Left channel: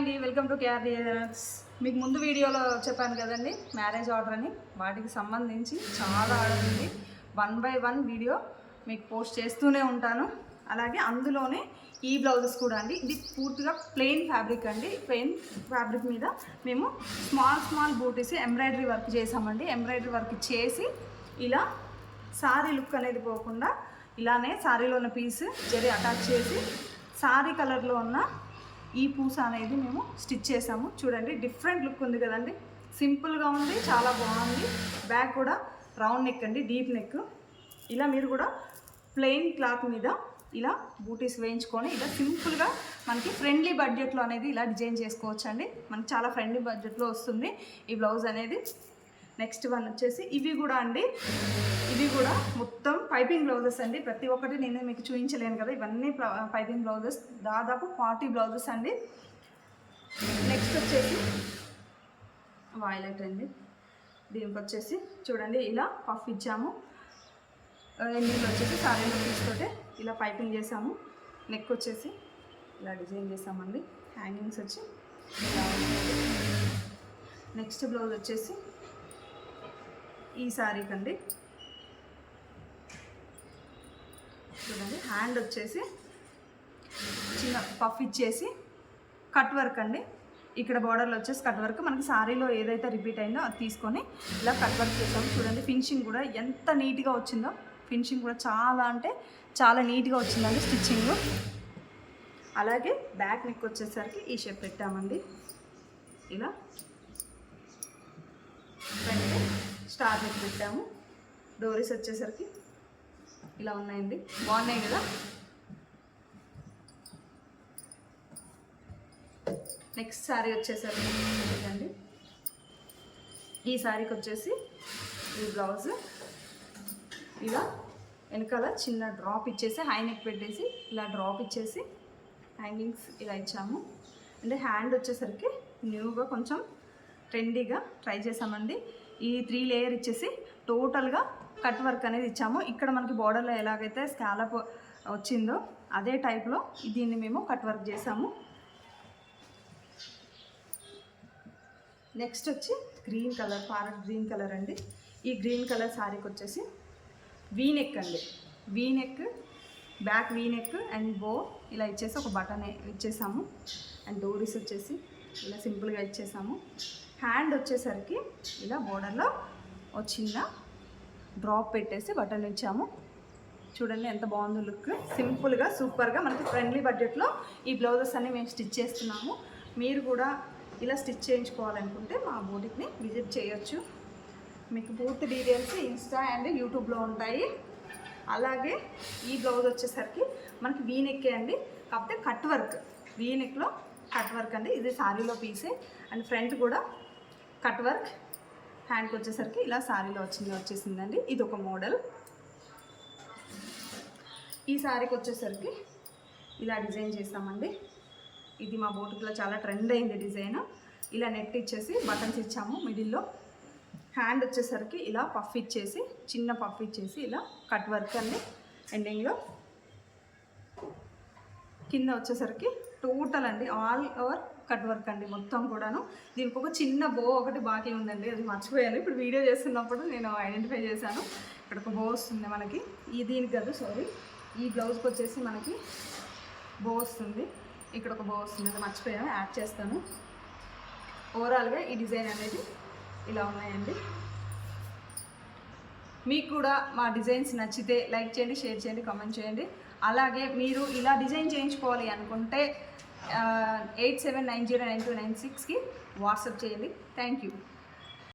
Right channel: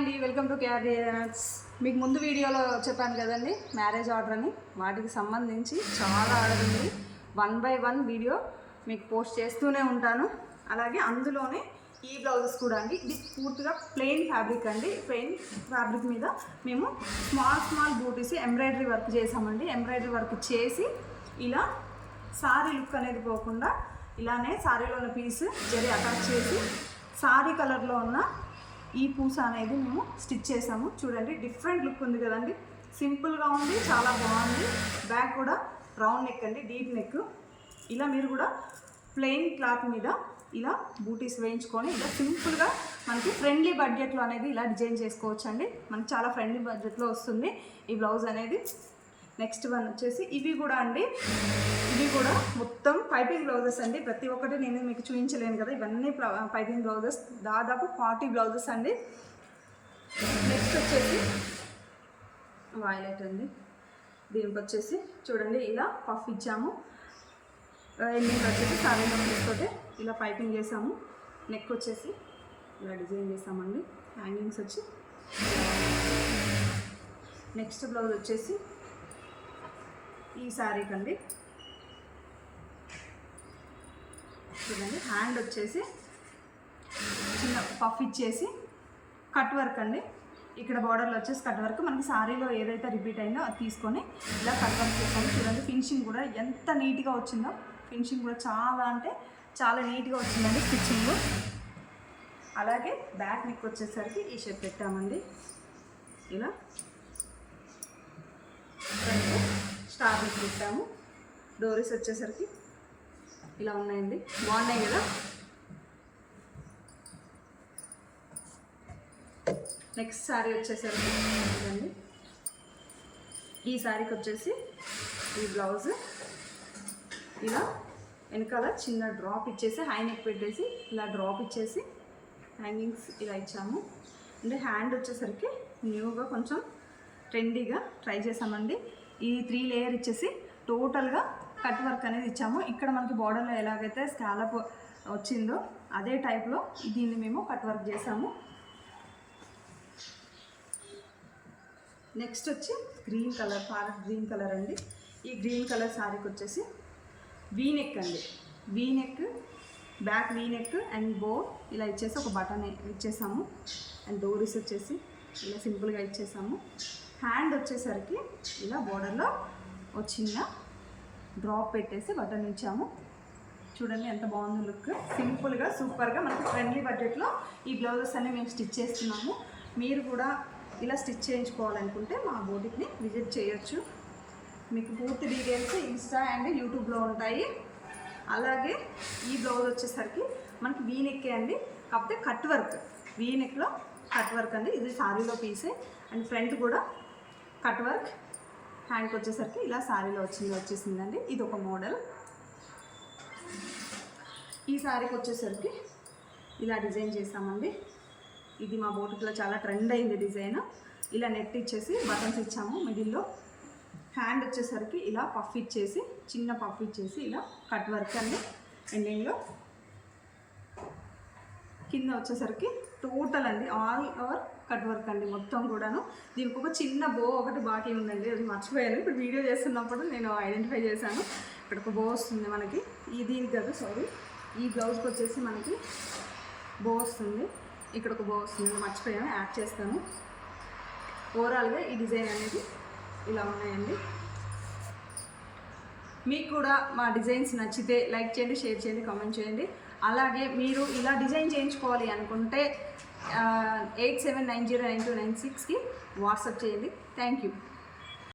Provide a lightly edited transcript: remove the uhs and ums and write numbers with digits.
అండి, welcome to carriers. మీకు ముందు వీడియోలో చెప్పాను కదండి మ్యారేజ్ ఆర్డర్ అని. వాటికి సంబంధించి చాలా ఆర్డర్ ఉంది. 1 by 1 వీడియో మీకు పోస్ట్ చేస్తూనే ఉంటాను. అలాగే అందులోనే ఈ బ్లౌజెస్ కూడా అండి. ఇది పూర్తిగా ప్లెయిన్ ఫ్యాబ్రిక్ అండి. ప్లెయిన్ ఫ్యాబ్రిక్ మీద మేము స్మాల్ బూటీస్ ఎంబ్రాయిడరీ వర్క్ చేసామండి. ఎంబ్రాయిడరీ వర్క్ చేసి ఇలా సారీ లుక్ అనేది పోకుండా ఇలానే సారీలో ఉన్న పీస్ జరీ అటాచ్ చేసి సారీ కలర్లో ఉన్న ఈ పూస అనేది మేము స్టిచ్ చేసాము. చూడండి, డిఫరెంట్ లుక్ ఉంది కదండి. సింపుల్గా ఉంది, చాలా బాగుంది. బ్యాక్ కూడా రౌండ్ నెక్ అండి, డీప్ నెక్. ఇలా మీరు కూడా ప్లెయిన్ క్లాత్ మీద ఇలా బూటీస్ వేయించుకొని ఇలా సింపుల్గా మనకి ఫ్రెండ్లీ బడ్జెట్లో అనేది ఇలా డిజైన్ చేసుకోవచ్చు అండి. మనకి చాలా ఫ్రెండ్లీ బడ్జెట్లో వస్తుంది ఈ బ్లౌజ్ అనేది. నెక్స్ట్ వన్ వచ్చేసి ఇవి కూడా అండి. ఇవి కూడా మొత్తం పైపింగ్ బ్లౌజెస్ అండి. ప్రతి ఒక్కటి నేను మీకు చూపించలేను కదా. ఇవన్నీ పైపింగ్ బ్లౌజెస్, దాదాపు 40 బ్లౌజెస్ అండి. నెక్స్ట్ వచ్చేసి వైలెట్ అండి. దీనికి వచ్చేసి చూడండి ఇలా పఫ్ ఇచ్చాము. ఎండింగ్ వచ్చేసి సారీ నెక్ తీసుకుంటే ఇలా పైపింగ్ చేసాము. నెక్ వచ్చేసి ఇలా డిజైన్ చేసామండి. హ్యాంగింగ్స్ వచ్చి నెక్స్ట్ బ్లౌజ్ వచ్చేసి ఈ శారీకి అండి. చూడండి, హ్యాండ్ వచ్చేసి చిన్న పఫ్ ఇచ్చేసి కట్ వర్క్ అండి. ఇక్కడ బార్డర్లో వచ్చేసి కట్ వర్క్. మనకి శారీలో ఏదైతే రిపీట్ అయిందో అది తీసుకొని ఇలా కట్ వర్క్ చేసాము. చూడండి, ఫినిషింగ్ కూడా ఎంత నీట్గా వచ్చిందో. ఫినిషింగ్ కూడా చాలా అంటే చాలా నీట్గా వచ్చిందండి స్టిచ్చింగ్. అలాగే బ్యాక్ నెక్ వచ్చేసరికి ఈ షేప్ పెట్టామండి. ఇలా స్టార్ నెక్ పెట్టాము. డోరీస్ వచ్చేసరికి ఇలా ఉన్నాయండి, బాగున్నాయి కదా. నెక్స్ట్ శారీ వచ్చేసరికి ఇదండి. ఈ శారీకి వచ్చేసి ఈ బ్లౌజ్ ఇలా వెనకాల చిన్న డ్రాప్ ఇచ్చేసి హై నెక్ పెట్టేసి ఇలా డ్రాప్ ఇచ్చేసి హ్యాంగింగ్స్ ఇలా ఇచ్చాము. అంటే హ్యాండ్ వచ్చేసరికి న్యూగా కొంచెం ట్రెండీగా ట్రై చేసామండి. ఈ 3 లేయర్ ఇచ్చేసి టోటల్గా కట్ వర్క్ అనేది ఇచ్చాము. ఇక్కడ మనకి బార్డర్లో ఎలాగైతే స్కాలప్ వచ్చిందో అదే టైప్లో దీన్ని మేము కట్ వర్క్ చేసాము. నెక్స్ట్ వచ్చి green colour, parrot green colour అండి. ఈ గ్రీన్ కలర్ శారీకి వచ్చేసి వీ నెక్ అండి. V neck, back V neck and బో ఇలా ఇచ్చేసి ఒక బటన్ ఇచ్చేసాము. అండ్ డోరీస్ వచ్చేసి ఇలా సింపుల్గా ఇచ్చేసాము. హ్యాండ్ వచ్చేసరికి ఇలా బోర్డర్లో వచ్చిందా డ్రాప్ పెట్టేసి బటన్ ఇచ్చాము. చూడండి ఎంత బాగుందో లుక్. సింపుల్గా సూపర్గా మనకి ఫ్రెండ్లీ బడ్జెట్లో ఈ బ్లౌజెస్ అన్నీ మేము స్టిచ్ చేస్తున్నాము. మీరు కూడా ఇలా స్టిచ్ చేయించుకోవాలనుకుంటే మా బోటిక్ని విజిట్ చేయొచ్చు. మీకు పూర్తి డీటెయిల్స్ ఇన్స్టా అండ్ యూట్యూబ్లో ఉంటాయి. అలాగే ఈ బ్లౌజ్ వచ్చేసరికి మనకి వీ నెక్కే అండి, కాకపోతే కట్ వర్క్. వీ నెక్లో కట్ వర్క్ అండి. ఇది శారీలో పీసే. అండ్ ఫ్రంట్ కూడా కట్ వర్క్. హ్యాండ్కి వచ్చేసరికి ఇలా శారీలో వచ్చేసిందండి. ఇది ఒక మోడల్. ఈ శారీకి వచ్చేసరికి ఇలా డిజైన్ చేస్తామండి. ఇది మా బోటిక్లో చాలా ట్రెండ్ అయింది డిజైన్. ఇలా నెట్ ఇచ్చేసి బటన్స్ ఇచ్చాము మిడిల్లో. హ్యాండ్ వచ్చేసరికి ఇలా పఫ్ ఇచ్చేసి చిన్న పఫ్ ఇచ్చేసి ఇలా కట్ వర్క్ అండి. ఎండింగ్లో కింద వచ్చేసరికి టోటల్ అండి ఆల్ ఓవర్ కట్ వర్క్ అండి మొత్తం కూడాను. దీనికి ఒక చిన్న బో ఒకటి బాకీ ఉందండి, అది మర్చిపోయాను. ఇప్పుడు వీడియో చేస్తున్నప్పుడు నేను ఐడెంటిఫై చేశాను. ఇక్కడ ఒక బో వస్తుంది మనకి. దీనికి కాదు, సారీ, ఈ బ్లౌజ్కి వచ్చేసి మనకి బో వస్తుంది. ఇక్కడ ఒక బో వస్తుంది, మర్చిపోయాను, యాడ్ చేస్తాను. ఓవరాల్గా ఈ డిజైన్ అనేది ఇలా ఉన్నాయండి. మీకు కూడా మా డిజైన్స్ నచ్చితే లైక్ చేయండి, షేర్ చేయండి, కామెంట్ చేయండి. అలాగే మీరు ఇలా డిజైన్ చేయించుకోవాలి అనుకుంటే 87909296కి వాట్సాప్ చేయండి. Thank you.